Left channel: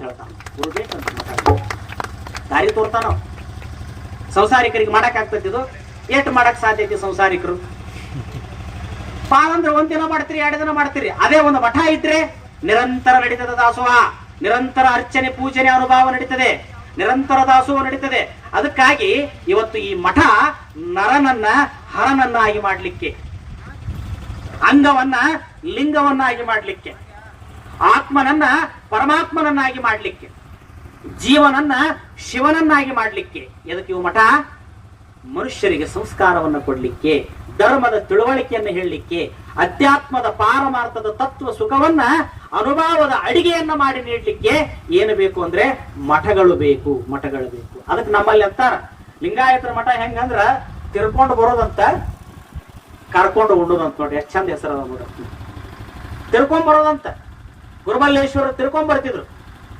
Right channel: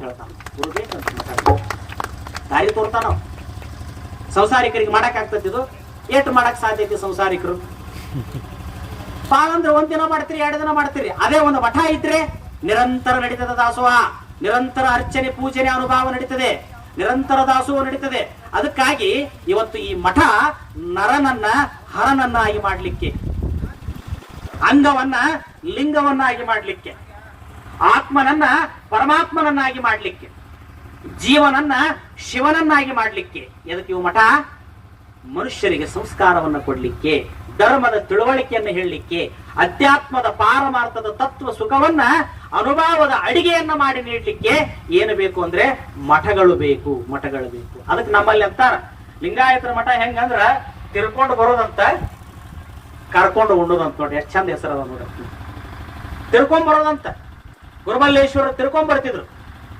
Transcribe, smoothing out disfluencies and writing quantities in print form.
ಹೇಳ್ತಾನ ದಾರಿ ತೋರ್ತಾನ. ಸಂಸಾರಿಕರಿಗೆ ಮಾಡಕ್ ಆಗ್ತದಿದು? ಏಟ್ ಮಾಡಕ್ ಸಾಧ್ಯ ಐತಿ ಸಂಸಾರಿಕರು? ಪಾಳ ಅಂದ್ರೆ ಒಂದ್ ದಿನ ಮಾಡ್ತೀರಿ, 2 ದಿನ ಮಾಡ್ತೀರಿ. ಅದೇ ಒಂದು ಮಠ ಇದ್ರೆ ನಿರಂತರ ನಡೀತದ ದಾಸೋಹ, ನಿರಂತರ ಅರ್ಚನೆ ಪೂಜನೆ ಅನುಭವ ನಡೀತದೆ, ನಿರಂತರ ದಾಸೋಹ ನಡೀತದೆ. ಅದಕ್ಕಾಗಿ ಇವತ್ತು ಈ ಮಠ ನರನನ್ನ ಹರನನ್ನಾಗಿ ಮಾಡ್ಲಿಕ್ಕೆ, ಅಂಗವನ್ನ ಲಿಂಗವನ್ನಾಗಿ ಮಾಡ್ಲಿಕ್ಕೆ, ಆತ್ಮನನ್ನ ಪರಮಾತ್ಮನನ್ನಾಗಿ ಮಾಡ್ಲಿಕ್ಕೆ, ಜೀವನನ್ನ ಶಿವನನ್ನಾಗಿ ಮಾಡ್ಲಿಕ್ಕೆ. ಎದಕ್ಕೆ ಇವು ಮಠ? ಮನುಷ್ಯರಿಗೆ ಸಂಸ್ಕಾರವನ್ನು ಕೊಡ್ಲಿಕ್ಕೆ, ಧರ್ಮದ ತಿಳುವಳಿಕೆಯನ್ನು ಹೇಳಲಿಕ್ಕೆ, ಅಧ್ಯಾತ್ಮದ ಪಾರಮಾರ್ಥದ ತತ್ವ ಸುಖವನ್ನ ಅನುಭವದ ಅಡಿಗೆಯನ್ನ ಮಾಡಿ ನೀಡಲಿಕ್ಕೆ ಏನು ಬೇಕು ಅಂದ್ರೆ ಮಠಗಳು ಬೇಕು, ಮಠಗಳು ಬೇಕು. ಅದಕ್ಕೆ ನಮ್ಮಲ್ಲಿ ಅಂತಾರ ಲಿಂಗಾಯತರ ಮಠ ಹೆಂಗಂದ್ರ ತಿರ್ಕೊಂಡು ಬರೋದಂತ, ಕರ್ಕೊಂಡು ಉಣ್ಣೋದಂತ. ನೋಡಿ ಎಷ್ಟು ಚಂದ ಹೆಸರದ. ತಿರ್ಕೊಂಡ್ ಬರೋದಂತ. ಗುರುಮಲ್ಲೇಶ್ವರ ತಿರ್ಕೊಂಡ್ ಬರ್ತಿದ್ರು.